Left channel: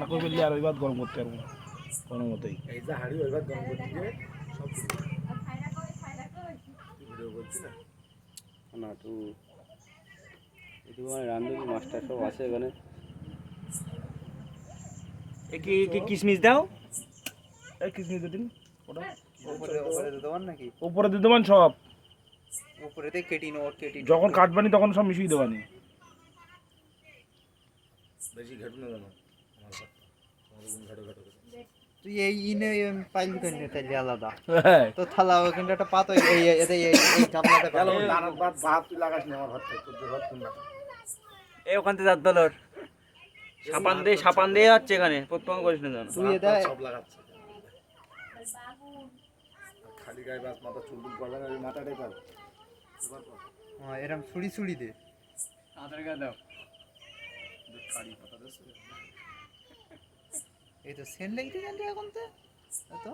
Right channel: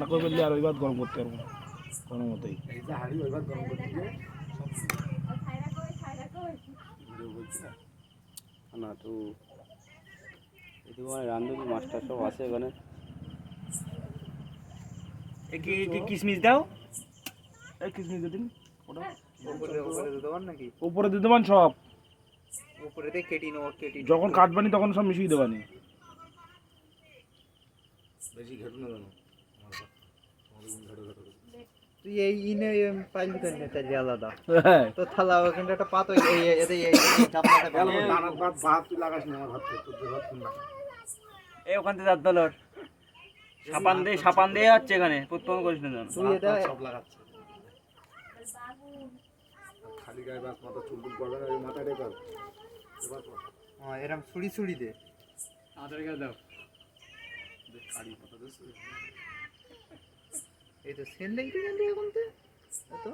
না করে বললে আর ওই ভাত গরম করতে পারবো না কোনো মতেই। এই যে হাড়ি ওই ভাত গরম করতে দিয়ে সব না তো এদিকে মানে রান্ধুনি মাস্টার সব আছে এখানে। কি কিশমিশ দাও, এই কিশমিশ দিন ওটা উপরে উপরে দিতে পার নাকি? উপরে দিতে পারেন সব, উপরেতে কেটে নেওয়ার কেটে যখন কাটবানি তখন সব মিশিয়ে দেবানি। বেশি ঘাটু না জানো তুই এই ইনে পাইলি কেন তাইলে আলাদা হ্যাঁ তো থালা ওখানটা একটা পাত এই এতে এই চাপড়াটা গেল দানার ভাত ভাত তুই লাগাস না আমার ভাত তোর ভাত কোন না এই ওখান থেকে দলর সাপান দিয়ে যাচ্ছে এখানে প্রত্যেক করিস না জানো। তুই এটা সব লাগাচ্ছে খালি গায়ে ভাত মাথা চুলবুল করবে না ওই মাথাটাই পার এবার কর এরকম ছুরি ছুরি দে আধার কার্ড দাও। কারি পাতা দিস এই তো সেন লাগতে গেল এখন তো